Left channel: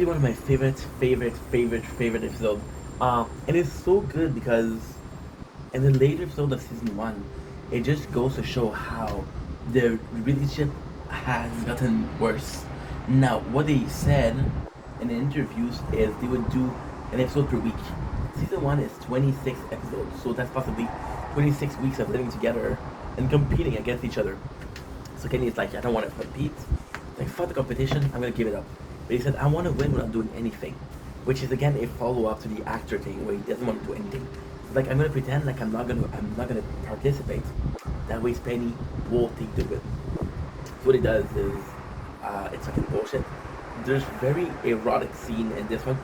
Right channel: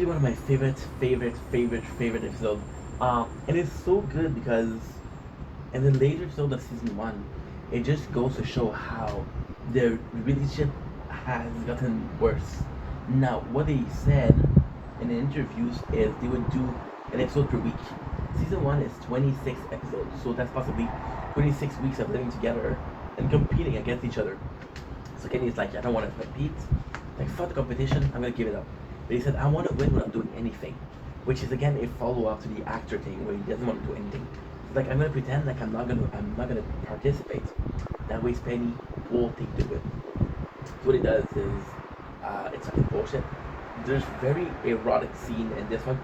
Easily one of my favorite episodes. And it's so good because in the later episode of season one, it just goes to show how their relationship has gotten worse. Now, what they said in the interviews is they would do an episode per week. Season one is 26 episodes, so that's possibly 26 weeks of living together and competing against each other. So Kenny's like, I don't want to compete. Like, fuck the competition, I'm gonna give it up. But he said, I want to win without doing anything, which is again a follow up to the actor thing where he doesn't want to do anything. He's like, I'm gonna pretend like I'm not gonna participate. That way, Penny won't think to it. So what he does is, it's fucking bullshit. There's very erotic scene in this one,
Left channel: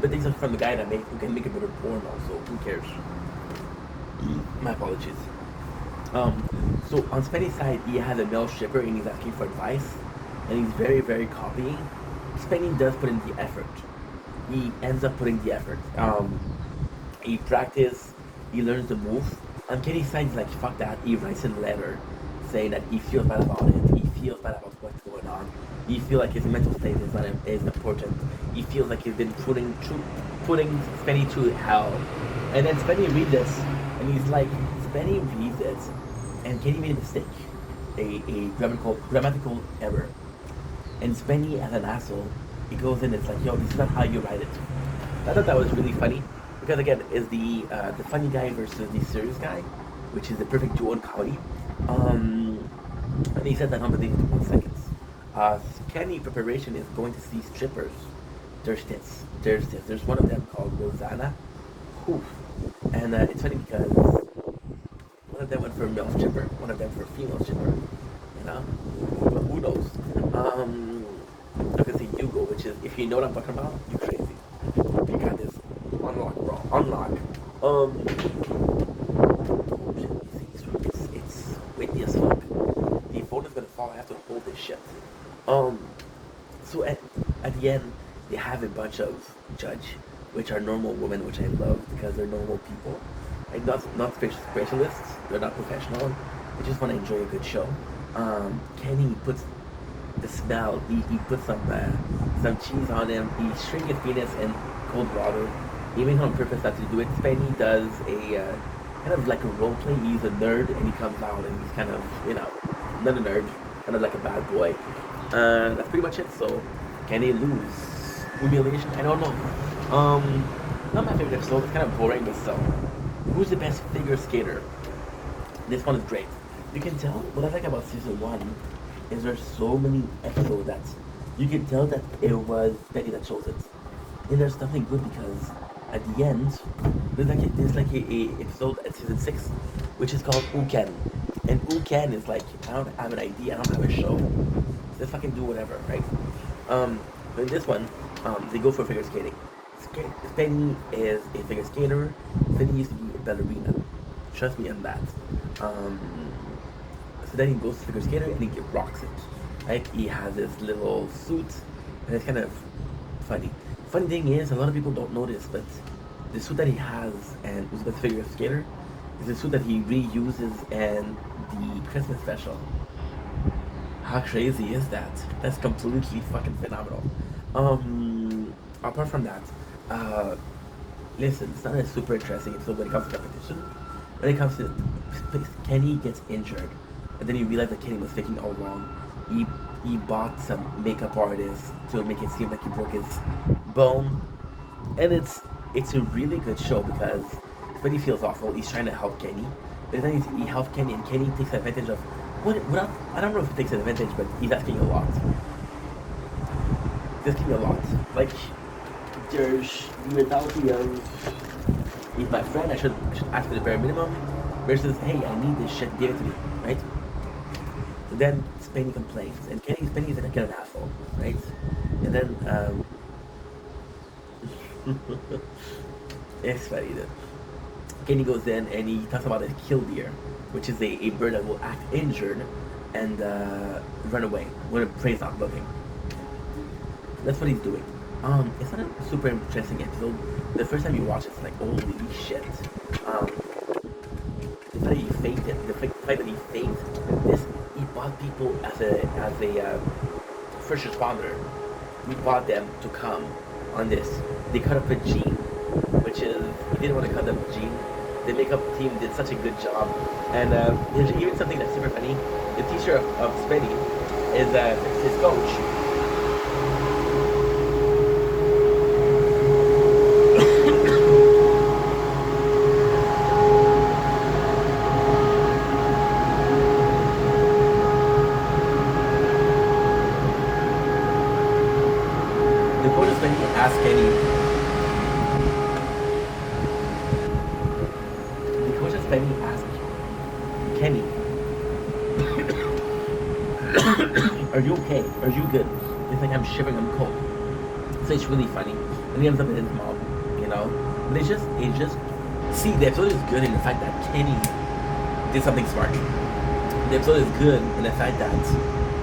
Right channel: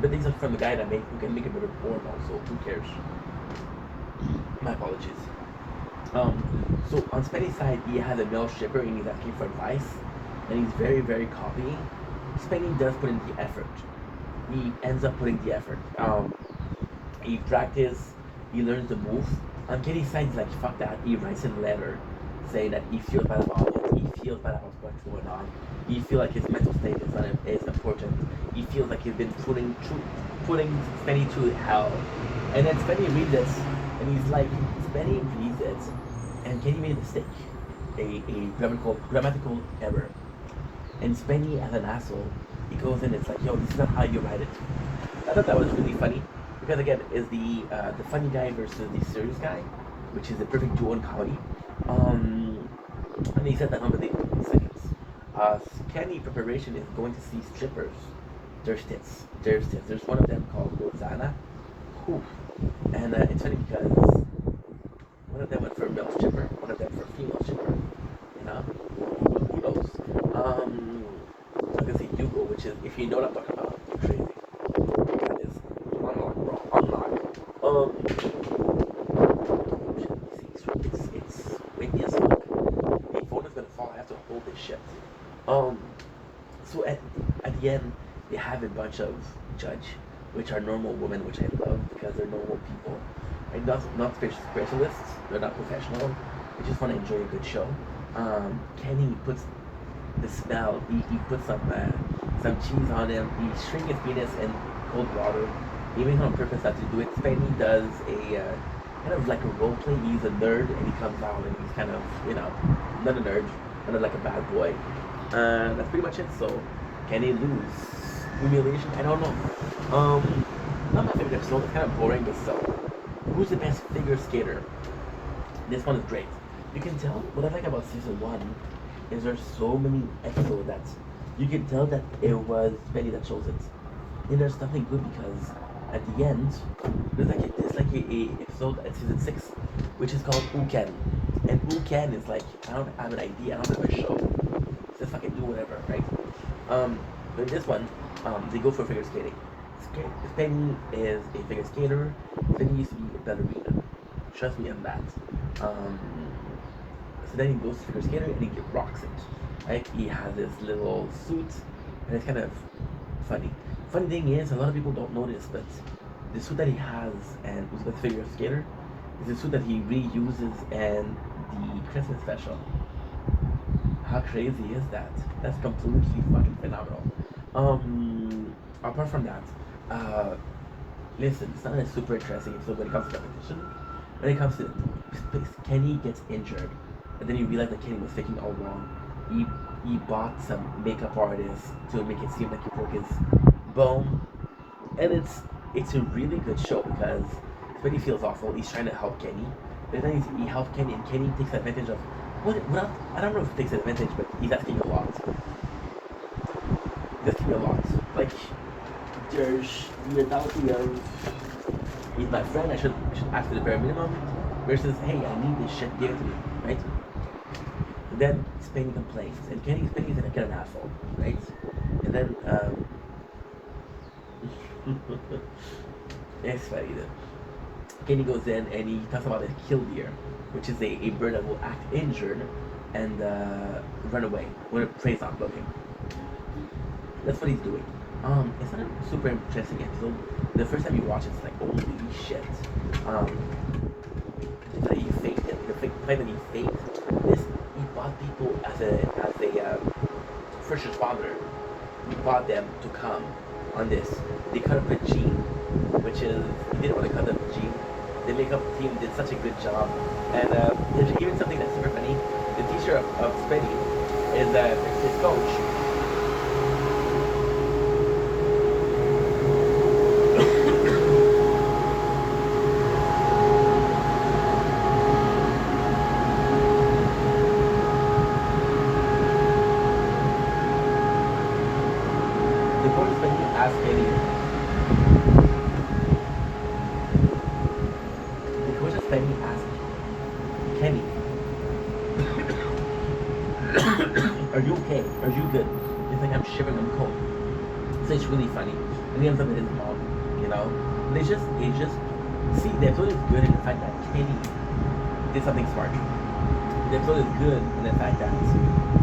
but these are from the guy who can make a better porn also. Who cares? My apologies. So on Spenny's side, he has a male stripper and he's asking for advice, and he's very copying. Spenny does put in the effort. He ends up putting the effort. He practices, he learns the move. On Kenny's side, he's like, fuck that. He writes in a letter saying that he feels bad about it. He feels bad about what's going on. He feels like his mental state is important. He feels like he's been putting Spenny through hell. And then Spenny reads this, and he's like, Spenny reads it, and Kenny made a mistake, a grammatical error. And Spenny, as an asshole, he goes in and it's like, yo, this is not how you write it. I thought that was really funny, because again, is the funny guy versus the serious guy, which is the perfect duo in comedy. And he said that number in seconds. Kenny preparation is going to see strippers. There's tits. There's one of them called Rosanna. Oof. And it's funny because one of them went for a male stripper, one of them for a female stripper. You know? Who knows? I can say Hugo, which is, if you know what I'm talking about, you're crazy. You got this. Unlock, bro. Unlock. It's windy as fuck. The phone is gonna fall. I have to hold this shit. So at the end, they have a bunch of judge, which are normal women, which I love because they're normal people. Like not specialists. They're not professional. They just want to enjoy a good show. Kenny puts the smell. He puts some cheese on him. He shrinks his penis in cold water. He made on purpose not to do it. Penny does a kind of like a role play. He's a nerd and he comes out and he's kind of, not a nerd, kind of like a bad boy. That's pretty much it. So can he lose? Humiliation? I don't know. Not my favorite episode. It's kind of boring, but still. Who's the best figure skater? This one is great. You can tell what I like about season one is there's so many episodes that you can tell that it was Penny that chose it. And there's nothing good because at the end there's like a episode at season 6 which is called Who Can. And Who Can is like, I don't have an idea, I don't have a show. Just fucking do whatever, right? But in this one, they go for figure skating. Penny is a figure skater. Penny used to be a ballerina. Trust me on that. So then he goes to figure skater and he rocks it. Right? He has this little suit, and it's kind of funny. Funny thing is, a lot of people don't notice, but the suit that he has and who's with figure skater is the suit that he reuses in the Christmas special. How crazy is that? That's completely fucking phenomenal. Apart from that, listen, it's not a super interesting episode when it comes to competition. When it comes to Kenny gets injured, and then you realize that Kenny was faking all along. He bought some makeup artist to make it seem like he broke his bone, and it's a really good show because when he feels awful, he's trying to help Kenny, but then he helps Kenny, and Kenny takes advantage of what I don't know if he takes advantage, but he's asking a lot. He's asking a lot, like. There's mentality of he's my friend, I should ask for the bare minimum versus hey, I need this shit, give it to me, right? And then Spenny complains, and Spenny's like an asshole, right? And then it's funny though. Kenny goes in and he talks about a killdeer, which is a bird that will act injured and run away when a prey's not looking. That's what he's doing. It's not a super interesting episode. The first time you watch it, it's like, holy shit. It's like he faked it. The fact that he faked this, he bought people as a first responder. we brought them to come on this. They cut up with Gene, which is we didn't want to cut up with Gene. The makeup team did such a good job, and even something that's super funny. The teacher of Spinny is his coach. The coach of Spinny asked Kenny. The coach of Spinny asked Kenny, "Are you okay? Are you good?" It's like I'm shivering, I'm cold. So it's really funny. And he ends up in his mom, you know? They just see the episode is good in the fact that Kenny did something smart. The episode is good in the fact that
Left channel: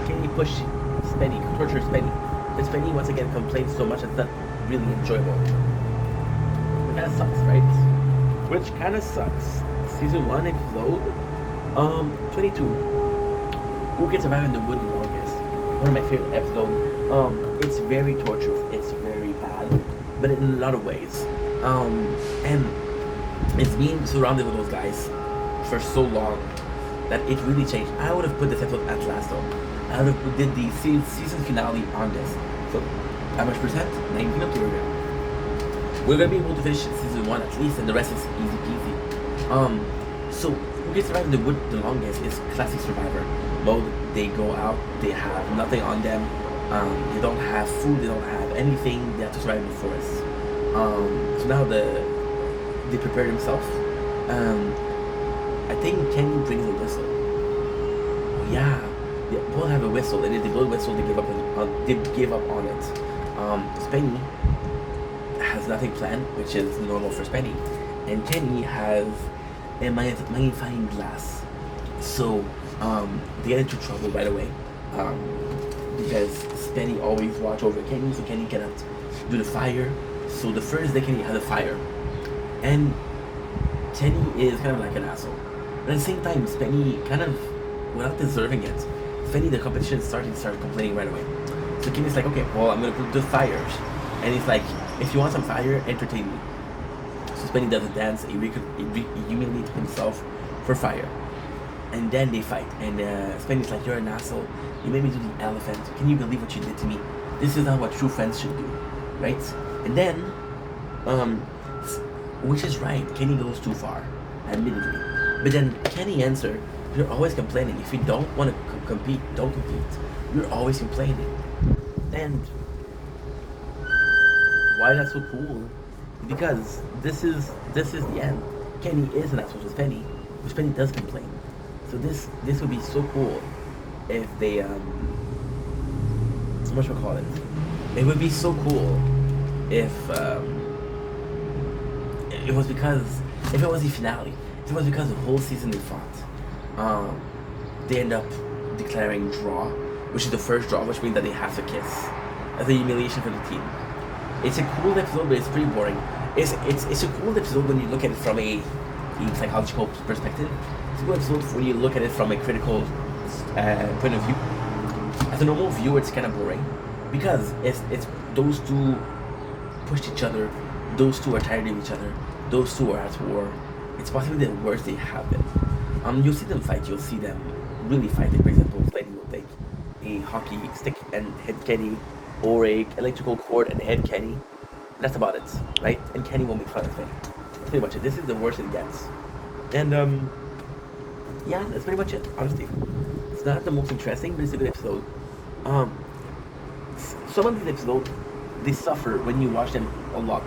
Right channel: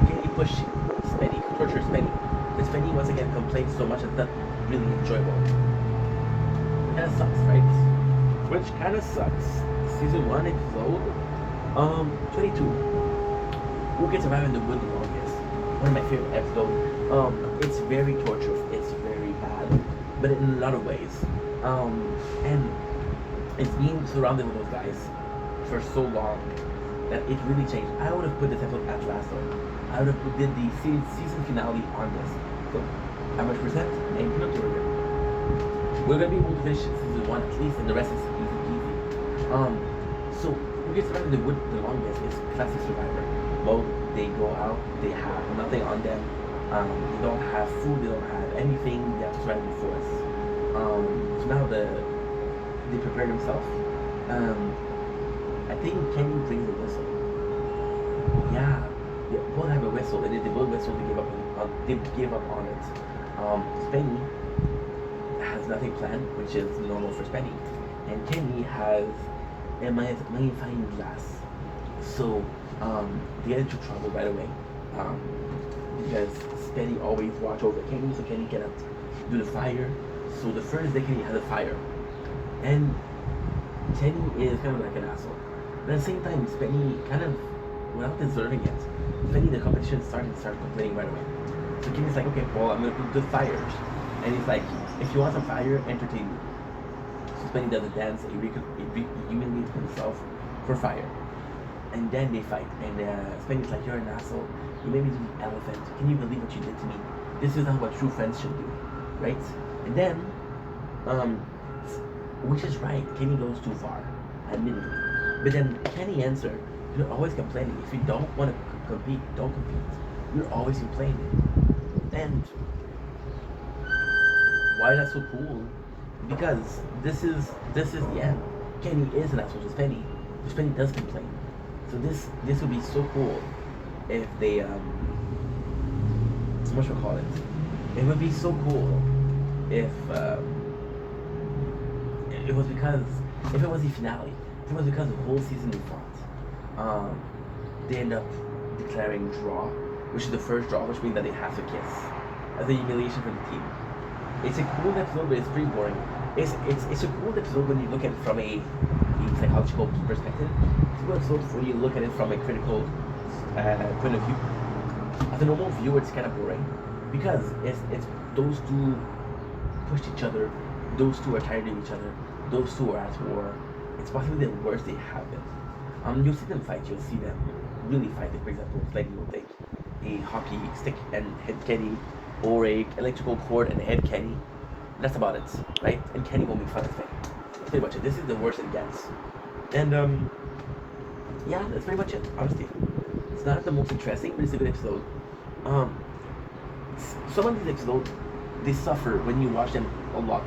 Kenny pushed Spenny, torture Spenny. But Spenny once again complains so much it's not really enjoyable. It kinda sucks, right? Which kinda sucks. Season 1 episode 22. Who Can Survive in the Wood the Longest? One of my favorite episodes. It's very torturous. It's very bad, but in a lot of ways. And it's been surrounded with those guys for so long that it really changed. I would have put this episode at last though. I would have did the season finale on this. So, how much percent? 19 up to We're gonna be able to finish season 1 at least, and the rest is easy peasy. So Who Can Survive in the Wood the Longest is classic survivor mode. They go out, they have nothing on them, they don't have food, they don't have anything, they have to survive in the forest. So now they prepare themselves. I think Kenny brings a whistle. Yeah, they both have a whistle, and if they both whistle, they give up on it. Spenny has nothing planned, which is normal for Spenny, and Kenny has a magnifying glass. So they get into trouble right away, because Spenny always watch over Kenny, so Kenny cannot do the fire. So the first day Kenny had a fire, and Kenny is kind of like an asshole. But at the same time, Spenny kind of, without deserving it, Spenny the competition started complaining right away. So Kenny's like, okay, well I'm gonna do fires, and he's like, if you want some fire, entertain me. So Spenny does a dance, he humiliates himself for fire. And then they fight, and Spenny's like, you're an asshole, you made me do the elephant, can you believe what you did to me? This is not what true friends should do, right? And then, which is right, Kenny goes too far, admittedly. But then Kenny answer, you're always complaining, if you don't want to compete, don't compete. You're always complaining. And why that's so cool? Because this is the end. Kenny is an asshole to Spenny, but Spenny does complain. So this would be so cool if they what should we call it? It would be so cool if it was the finale. If it was because the whole season they fought. They end up declaring draw, which is the first draw, which means that they have to kiss. As a humiliation for the team. It's a cool episode, but it's pretty boring. It's a cool episode when you look at it from a psychological perspective. It's a cool episode when you look at it from a critical point of view. As a normal viewer, it's kind of boring because it's those two pushed each other. Those two are tired of each other. Those two are at war. It's possibly the worst they have been. You'll see them fight. You'll see them really fighting. For example, Spenny will take a hockey stick and hit Kenny, or a electrical cord and hit Kenny. That's about it, right? And Kenny will make fun of Spenny. That's pretty much it. This is the worst it gets. And yeah, that's pretty much it. Honestly, it's not the most interesting, but it's a good episode. Some of these episodes they suffer when you watch them a lot.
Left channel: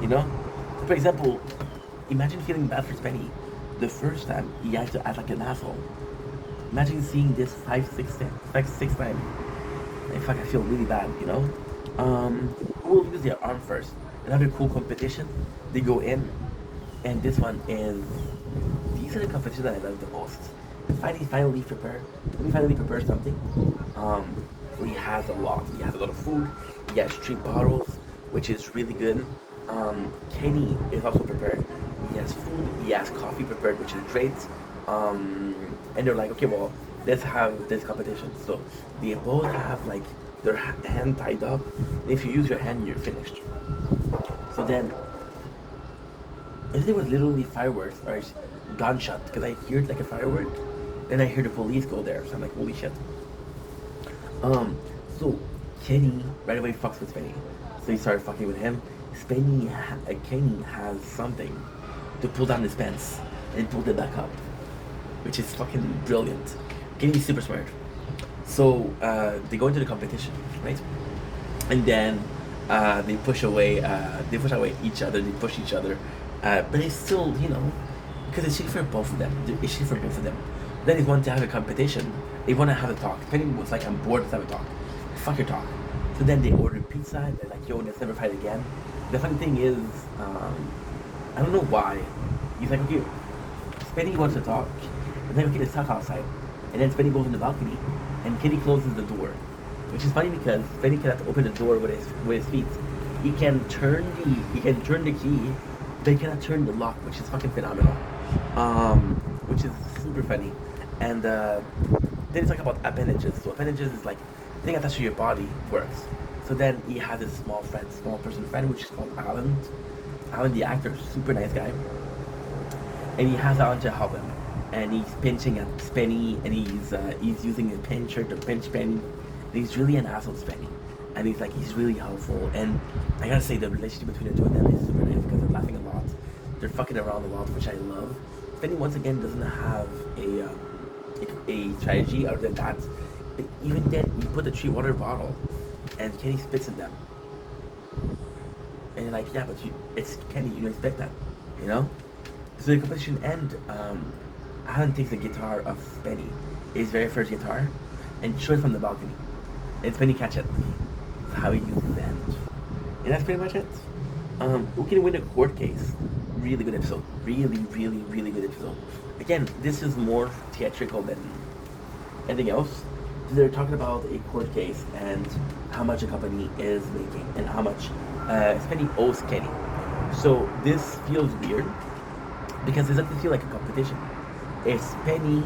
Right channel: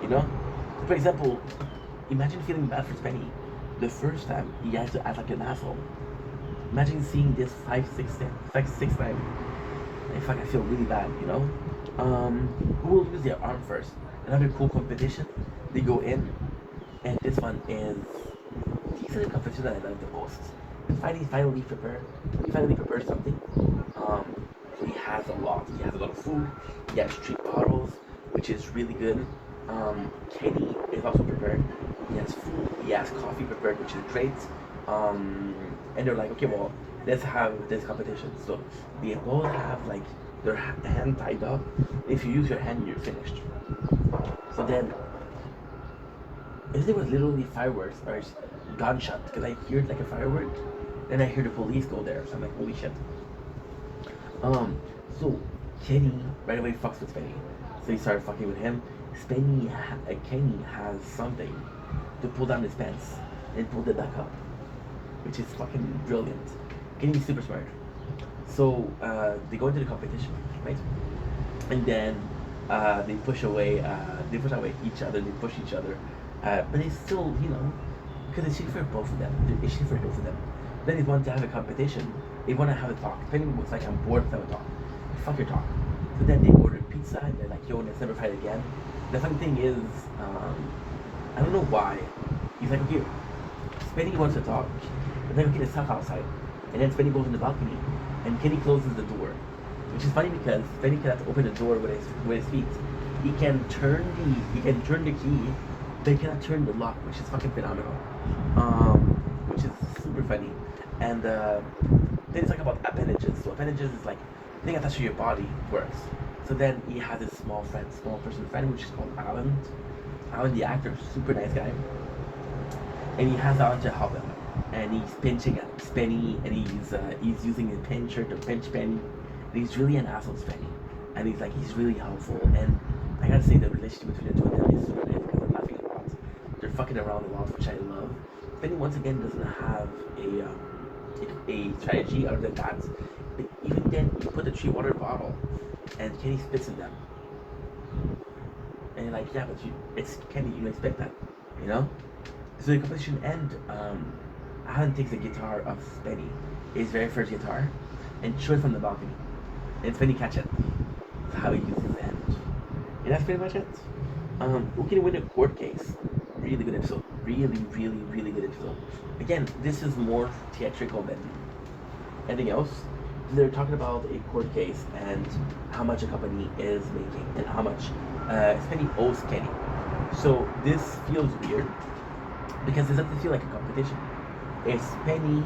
You know, for example, imagine feeling bad for Spenny the first time he had to act like an asshole. Imagine seeing this 5-6 times. In fact, I feel really bad, you know? Who will use their arm first? Another cool competition. They go in, and this one is these are the competitions that I love the most. He finally prepared something. So he has a lot. He has a lot of food. He has 3 bottles, which is really good. Kenny is also prepared. He has food. He has coffee prepared, which is great. And they're like, okay, well, let's have this competition. So they both have like their hand tied up. If you use your hand, you're finished. So then, if it was literally fireworks or gunshot, because I heard like a firework, then I heard the police go there. So I'm like, holy shit. Um, so Kenny right away fucks with Spenny. So he started fucking with him. Kenny has something to pull down his pants and pull it back up, which is fucking brilliant. Kenny's super smart. So they go into the competition, right? And then they push away. They push away each other. They push each other, but it's still, because it's shitty for both of them. It's shitty for both of them. Then they want to have a competition. They want to have a talk. Penny was like, I'm bored. Let's have a talk. Fuck your talk. So then they order pizza. And they're like, yo, let's never fight again. The funny thing is, I don't know why. He's like, okay, Spenny wants to talk. And then okay, let's talk outside. And then Spenny goes in the balcony, and Kenny closes the door, which is funny because Spenny cannot open the door with his feet. He can turn the key, but he cannot turn the lock, which is fucking phenomenal. Which is super funny. And then it's like about appendages. So appendages is like the thing attached to your body works. So then he has this small person friend, which is called Alan. Alan, the actor, super nice guy. And he has Alan to help him. And he's pinching at Spenny, and he's using his pincher to pinch Spenny. And he's really an asshole to Spenny. And he's really helpful. And I gotta say, the relationship between the two of them is super nice because they're laughing a lot. They're fucking around a lot, which I love. Spenny once again doesn't have a strategy other than that. But even then, you put the 3 water bottle, and Kenny spits in them. And you're like, yeah, but it's Kenny, you expect that, So the competition ends. Alan takes the guitar of Spenny, his very first guitar, and throws it from the balcony. And Spenny catches it. That's how he uses his hand. And that's pretty much it. Who can win a court case? Really good episode. Really, really, really good episode. Again, this is more theatrical than anything else. They're talking about a court case and how much a company is making and how much Spenny owes Kenny. So this feels weird because it doesn't feel like a competition. It's Penny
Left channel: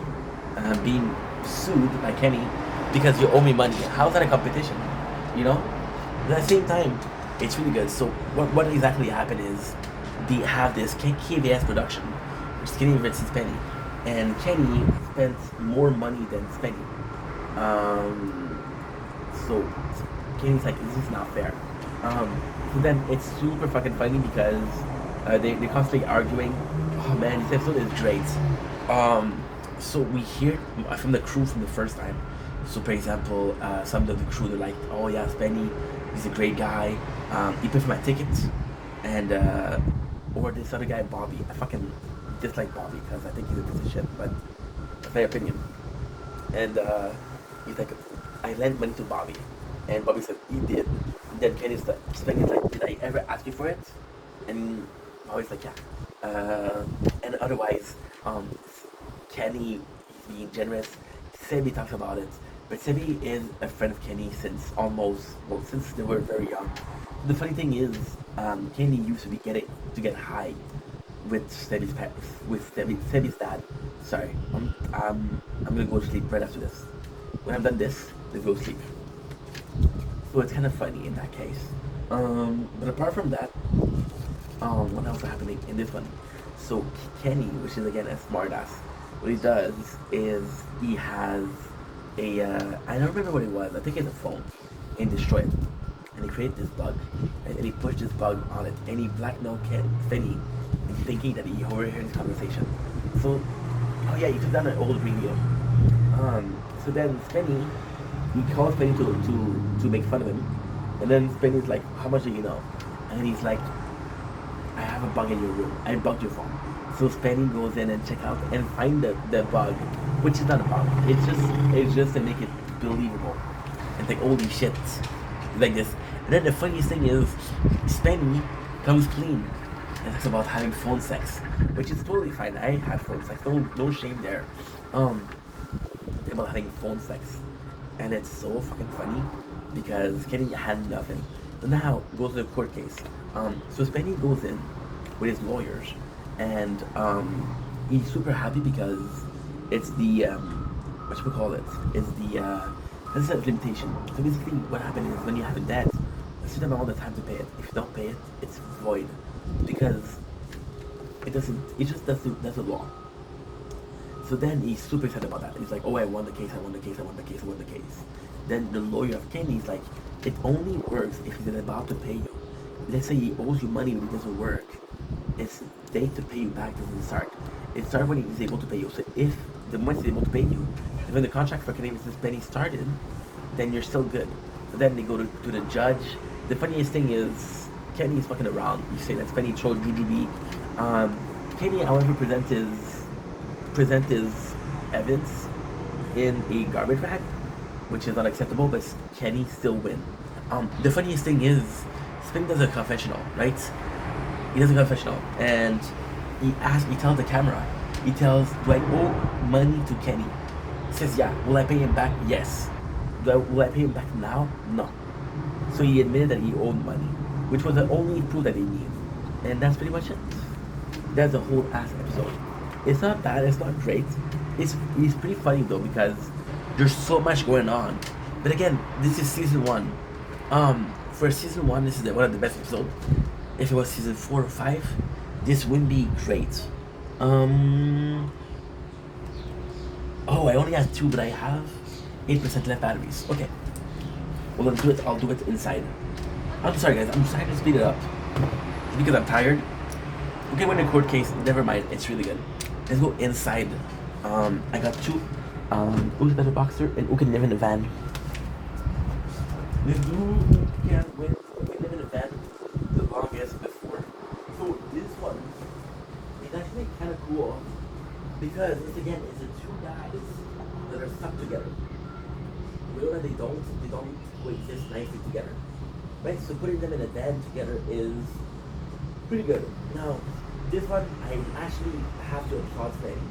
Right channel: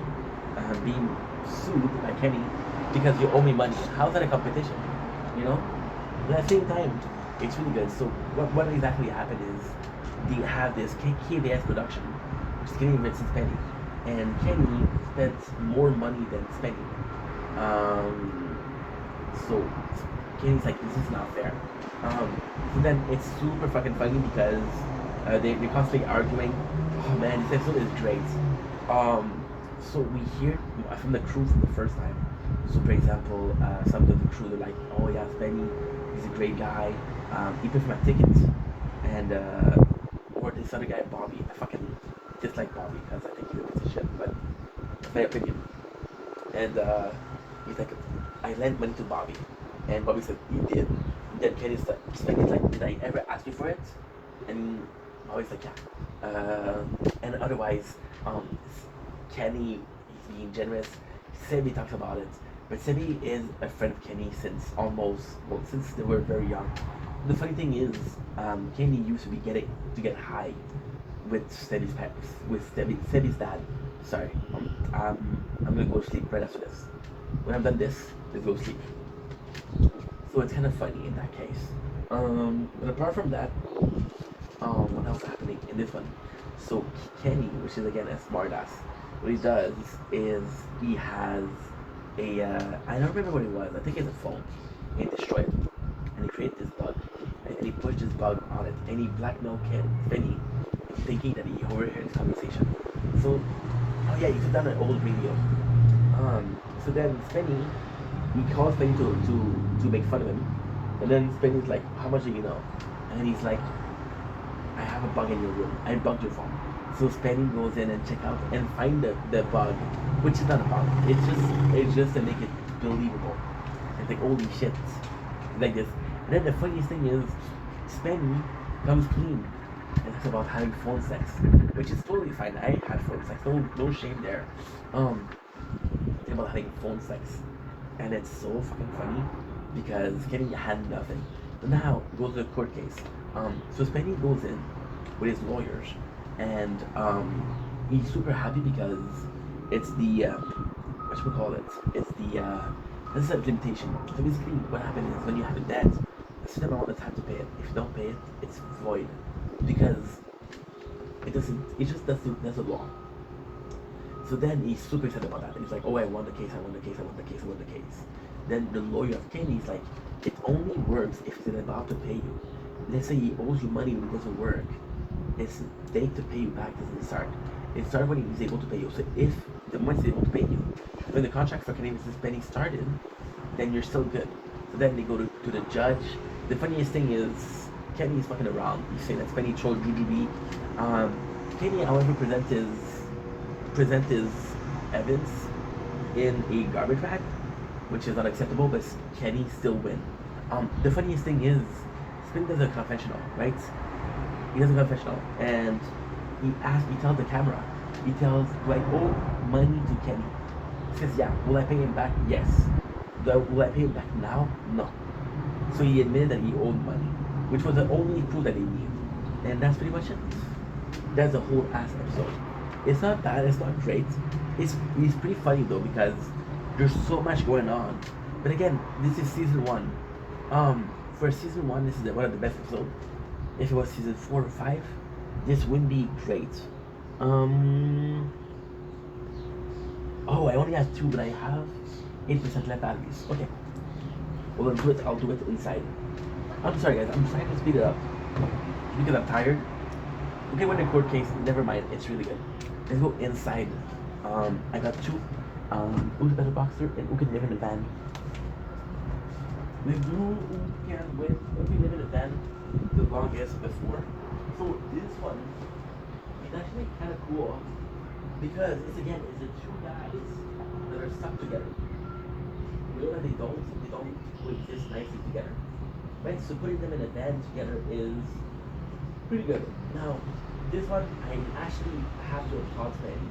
being sued by Kenny because you owe me money. How's that a competition? But at the same time, it's really good. So what exactly happened is they have this KVS production, which is Kenny versus Penny, and Kenny spent more money than Spenny. So Kenny's like, this is not fair. So then it's super fucking funny because they're constantly arguing. Oh man, this episode is great. So we hear from the crew from the first time. So for example, some of the crew, they're like, oh yeah, Spenny, he's a great guy. He paid for my tickets. And or this other guy, Bobby. I fucking dislike Bobby because I think he's a piece of shit, but that's my opinion. And he's like, I lent money to Bobby. And Bobby's like, you did. And then Kenny's like, did I ever ask you for it? And Bobby's like, yeah. And otherwise, Kenny is being generous. Sebi talks about it. But Sebi is a friend of Kenny since since they were very young. The funny thing is, Kenny used to get high with Sebi's dad. Sorry, I'm gonna go sleep right after this. When I'm done this, let's go sleep. So it's kind of funny in that case. But apart from that, what else is happening in this one? So Kenny, which is again a smartass, what he does is he has I don't remember what it was. I think it's a phone, and he destroyed it. And he created this bug, and he pushed this bug on it, and he blackmailed Spenny into thinking that he overheard his conversation. So, oh yeah, he took down an old video. So then Spenny, he calls Spenny to make fun of him, and then Spenny's like, how much do you know? And he's like, I have a bug in your room. I bugged your phone. So Spenny goes in and check out and find the bug, which is not a bug. It's just to make it believable. And think, holy shit, like this. And then the funniest thing is, Spenny comes clean and talks about having phone sex, which is totally fine. I had phone sex. No shame there. Think about having phone sex, and it's so fucking funny because Kenny had nothing. But now goes to the court case. So Spenny goes in with his lawyers, and he's super happy because it's the what should we call it? It's the This is a limitation. So basically, what happened is when you have a debt, a certain amount of time to pay it. If you don't pay it, it's void because it doesn't. It just doesn't. That's a law. So then he's super excited about that. He's like, "Oh, I won the case. I won the case. I won the case. I won the case." Then the lawyer of Kenny is like, "It only works if he's about to pay you. Let's say he owes you money when it doesn't work. It's date to pay you back doesn't start. It starts when he's able to pay you. So if the moment he's able to pay you, when the contract for Canadian Business Penny started, then you're still good. So then they go to the judge. The funniest thing is Kenny is fucking around. You say that's Penny troll Jujubee. Kenny, however, present his evidence in a garbage bag, which is unacceptable, but Kenny still win. The funniest thing is Spin does a confessional, right? He does a confessional, and he tells the camera, he tells, do I owe money to Kenny? He says, yeah. Will I pay him back? Yes. Will I pay him back now? No. So he admitted that he owed money, which was the only proof that they need. And that's pretty much it. That's the whole ass episode. It's not bad, it's not great. It's pretty funny though because there's so much going on. But again, this is season one. For season one, this is one of the best episodes. If it was season 4 or 5, this wouldn't be great. Oh, I only have 2, but I have 8% left batteries. Okay. Well, let's do it. I'll do it inside. I'm sorry, guys. I'm trying to speed it up. It's because I'm tired. Okay, when in court case, never mind. It's really good. Let's go inside. I got 2. Who's better boxer and who can live in a van? Let's do who can live in a van the longest before. So this one is actually kind of cool because it's the 2 guys that are stuck together. Real that they don't coexist nicely together. Right? So putting them in a van together is pretty good. Now, this one I actually have to applaud Spenny.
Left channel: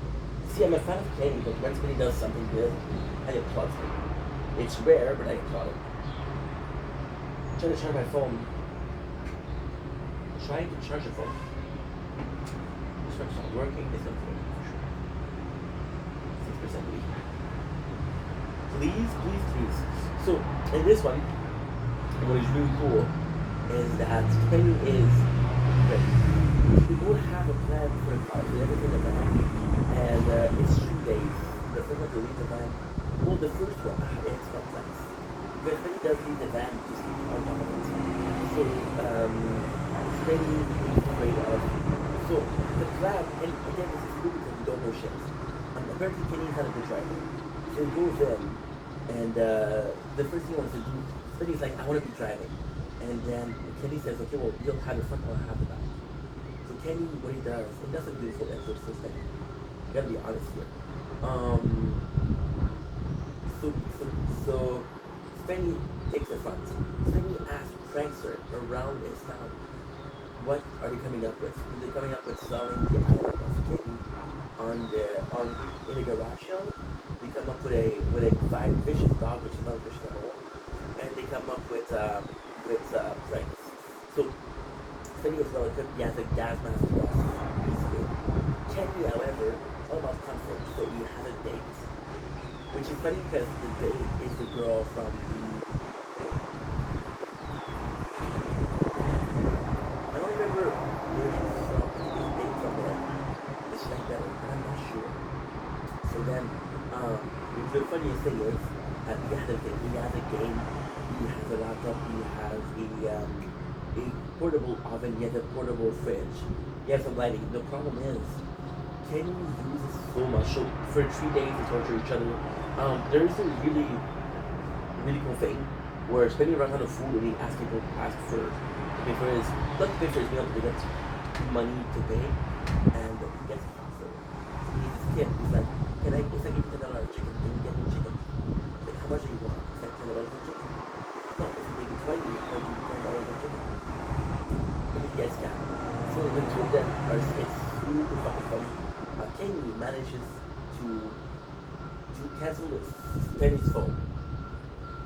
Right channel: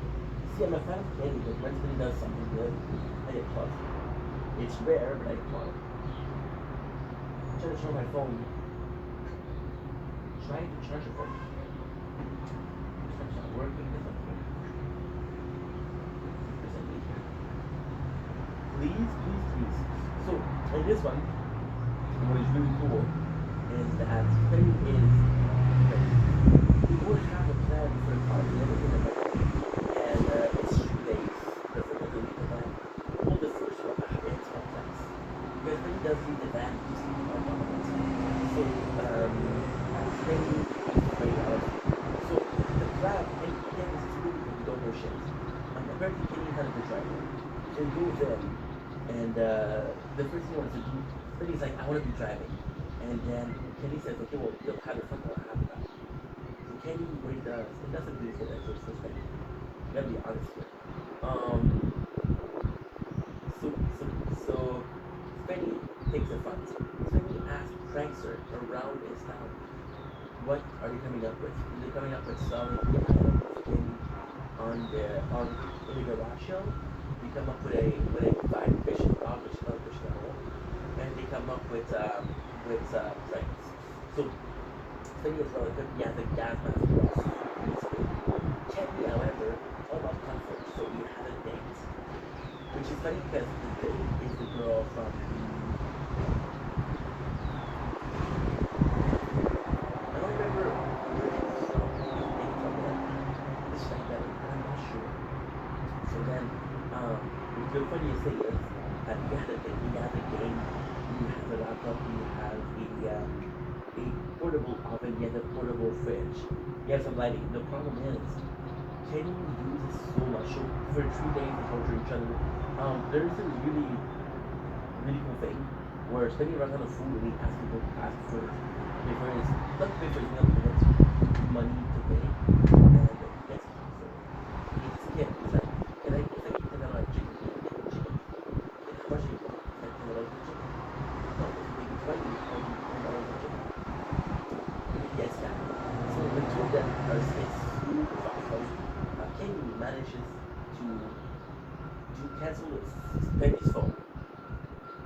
See, I'm a fan of Kenny, but when Spenny does something good, I applaud Spenny. It's rare, but I applaud it. I'm trying to charge my phone. Trying to charge your phone. This one's not working. This one's working for sure. 6% weak. Please. So, in this one, and what is really cool is that Penny is ready. We both have a plan for the car, everything in the van, and it's 3 days. The first one to leave the van. Well, the first one, it's complex. Because Penny does leave the van to sleep on top of it. So, Penny is afraid of. So, the plan, and again, this is really because we don't know shit. Apparently, Penny is not a good driver. So he goes in, and the first thing he wants to do, Penny's like, I want to be driving. And then Kenny says, okay, well, you'll have the front, I'll have the back. So Kenny, what he does, and that's a beautiful episode, so Penny. You gotta be honest here. So Penny takes the front. Penny asks Prankster around his town, what are they coming up with? They're coming up with selling the island of Kenny in the garage show. They come up with a fine vicious dog, which is not vicious at all, and they come up with pranks. So Penny is well equipped. He has a gas mask. Kenny, however, is all about comfort. So he has a date, which is funny because the date is the girl from I don't remember where she's from. His date from there. It's like that, and I'm not sure. So then, the funniest thing is he has a game, he has a laptop, he has a portable oven, he has a portable fridge, he has some lighting. The problem is, Kenny uses so much. So for 3 days to torture each other, there's a really, really cool thing where Spenny runs out of food and he asks people to pay for his, not to pay for his meal, but he gets money to pay, and he gets it. So he's like, it's like $10 chicken, can you get the chicken? Like, how much do you want? It's like $10 of chicken. No, if you make it 20, I'll give you $10 of chicken. And he gets that. So the 2 of them are, it's super fucking funny. Kenny manages to cancel Penny's phone.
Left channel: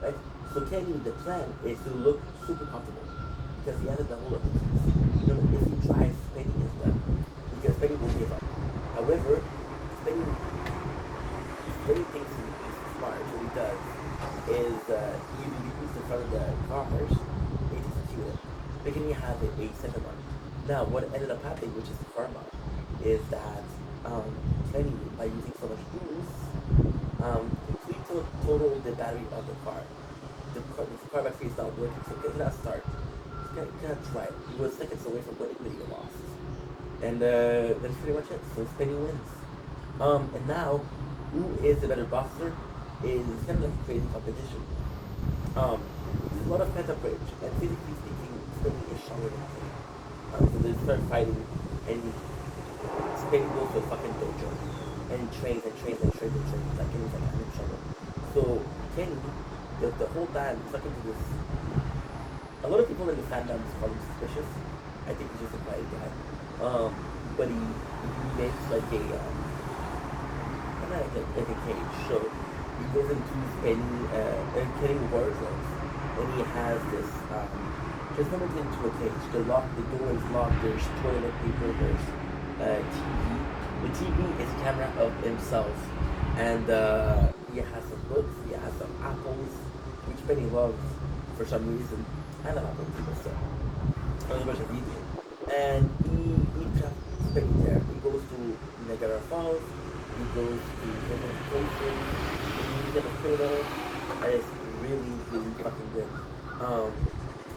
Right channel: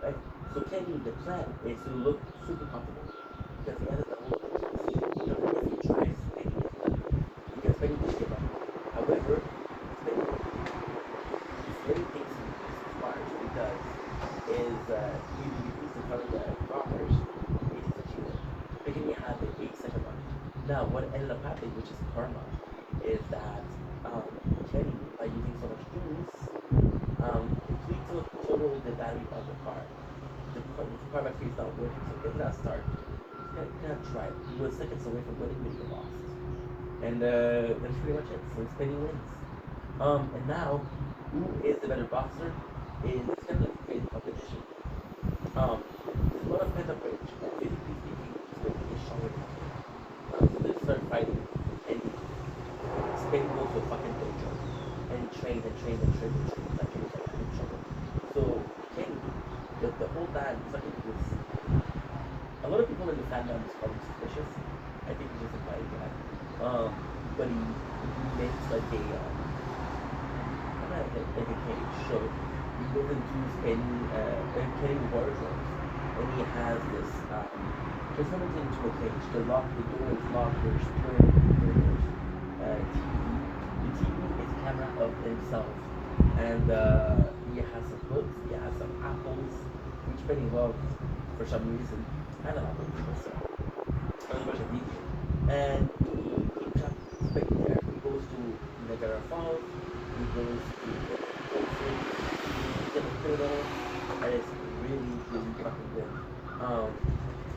Right? So Kenny, the plan is to look super comfortable. Because he has a double of things. If he tries, Penny gets done. Because Penny won't give up. However, Penny thinks he's smart. What he does is what ended up happening, which is karma, is that um, Kenny, by using so much juice, complete total the battery of the car. The car battery is not working, so it cannot start. It cannot drive. He was seconds away from winning, but he lost. And that's pretty much it. So Spenny wins. And now, who is the better boxer is kind of like a crazy competition. There's a lot of pent-up rage. Like physically speaking, Spenny is stronger than Kenny. So they start fighting, and Spenny goes to a fucking dojo and trains and trains and trains and trains. Like Kenny's like, I'm in trouble. So Kenny, the whole time, he's talking to this. A lot of people in the fandom call him suspicious. I think he's just a quiet guy. But he makes like a kind of like a cage. So he goes into Kenny wardrobe, and he has this transformed into a cage. The door is locked. There's toilet paper. There's TV. The TV is a camera of himself, and he has some books. He has some apples, which Penny loves for some reason. I love apples, so there's a bunch of video. And he traps Penny there. He goes to Niagara Falls. He goes to different places. He gets a hospital, and it's really, really fucking good.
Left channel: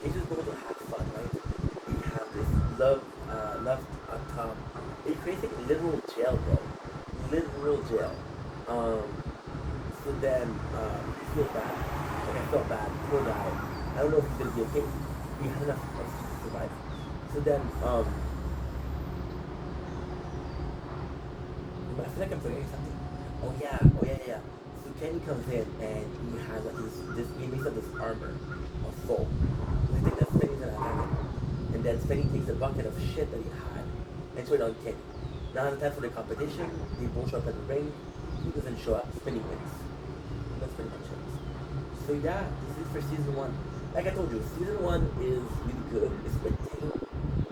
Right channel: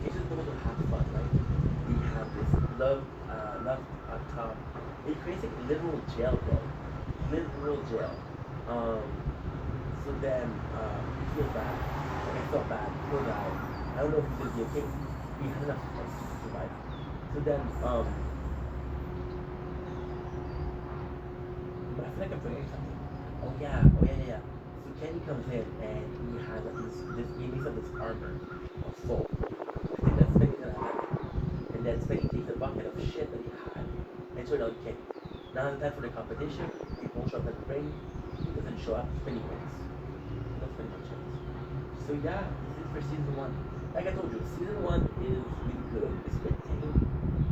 It's just going to have fun, right? We have this love on top. It creates like a literal jail, bro. Literal jail. So then you feel bad. Like I felt bad. Poor guy. I don't know if he's gonna be okay. He had enough to survive. So then I feel like I'm forgetting something. Oh yeah. So Kenny comes in and he has like this he makes up this armor of soul. I think that's Spenny's gonna attack him. And then Spenny takes a bucket of shit that he had and throw it on Kenny. Now it's time for the competition. They both show up at the ring. He doesn't show up. Spenny wins. And that's pretty much it. So yeah, this is for season 1. Like I told you, season 1 is really good. It's a bit tame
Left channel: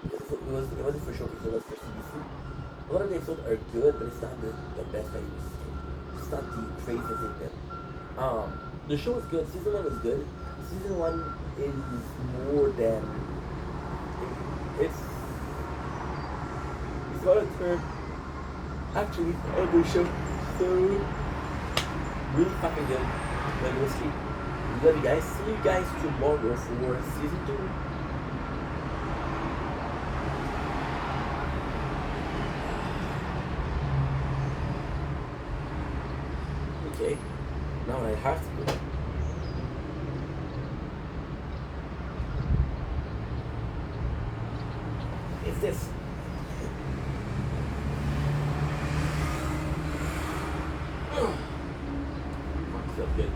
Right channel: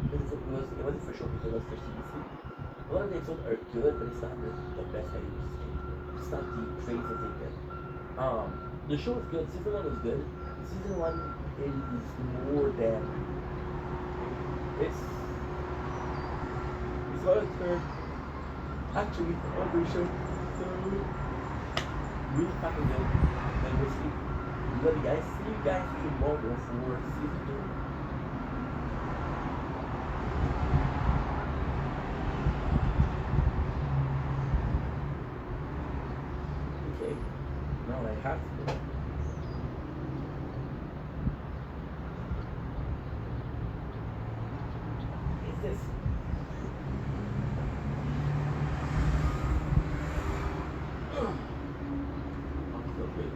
because it wasn't for showcase. It was for CBC. A lot of the episodes are good, but it's not the best that it used to be. It's not the craziest they've been. The show is good. Season 1 was good. Season 1 is more than it's what a turn actually every show. So really fucking good. But we'll see. Love you guys. See you guys tomorrow for season 2. Okay. Now what I have to do is this. I feel good.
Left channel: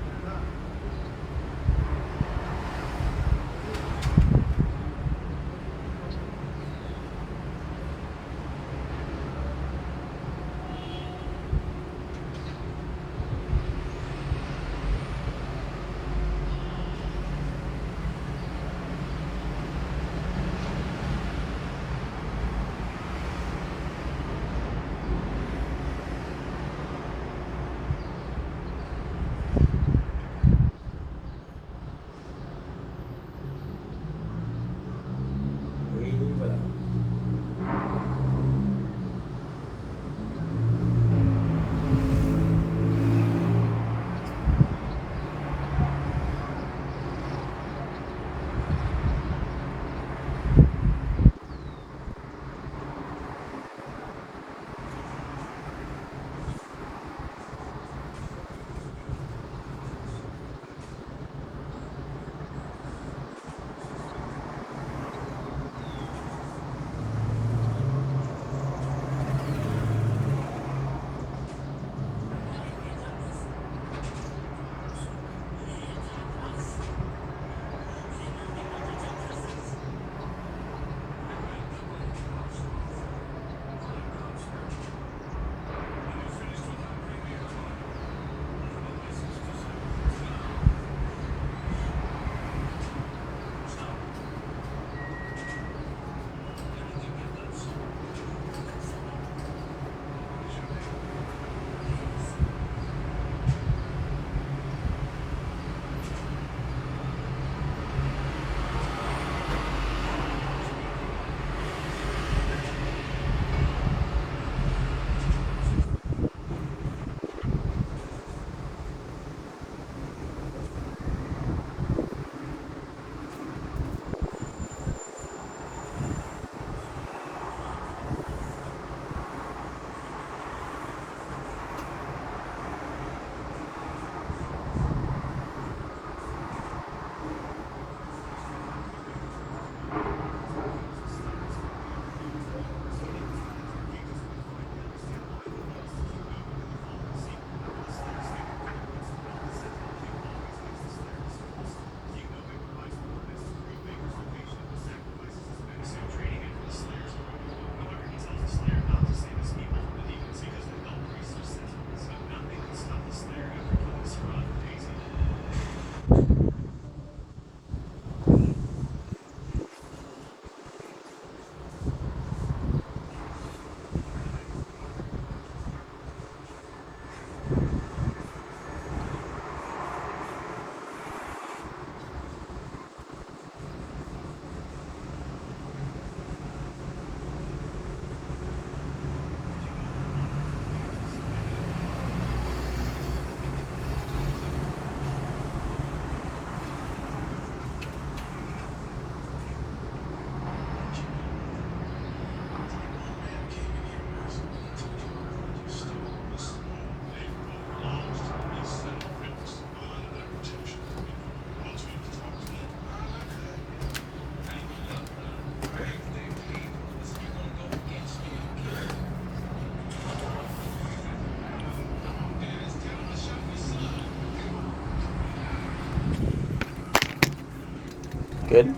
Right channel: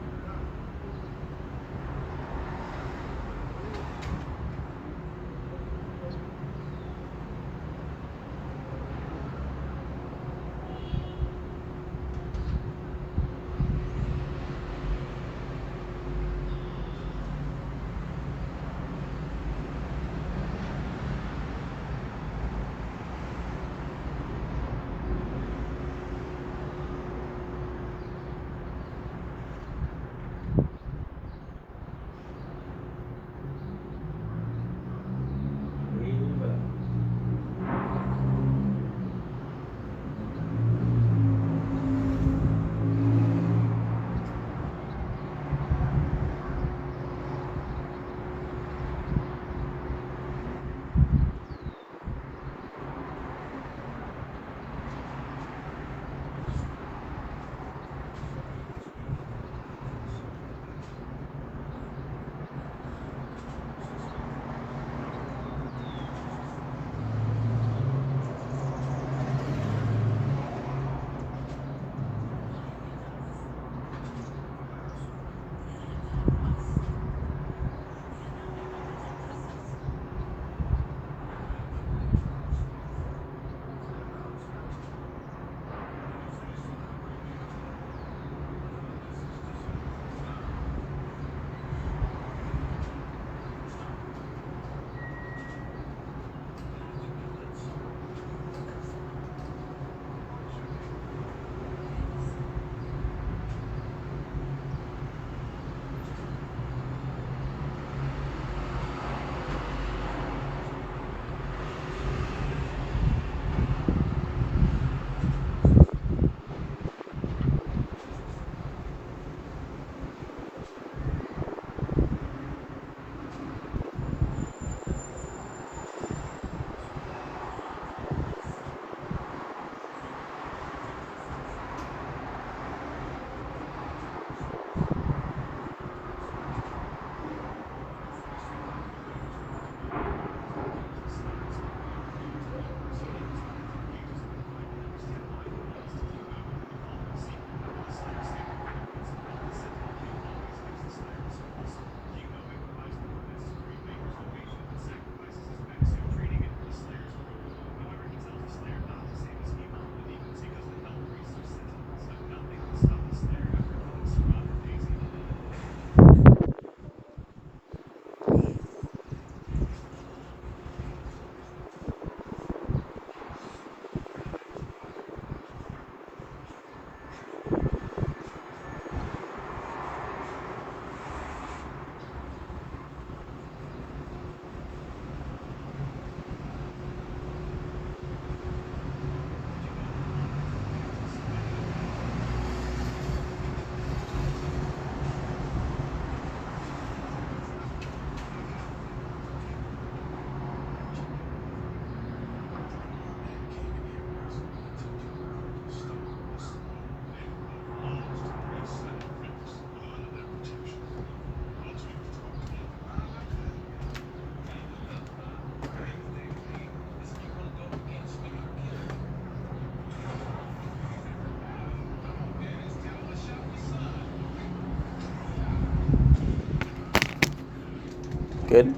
Good.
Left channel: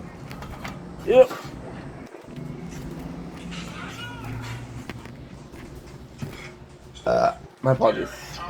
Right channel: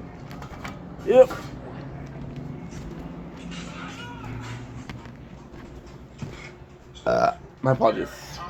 Yep. My apologies.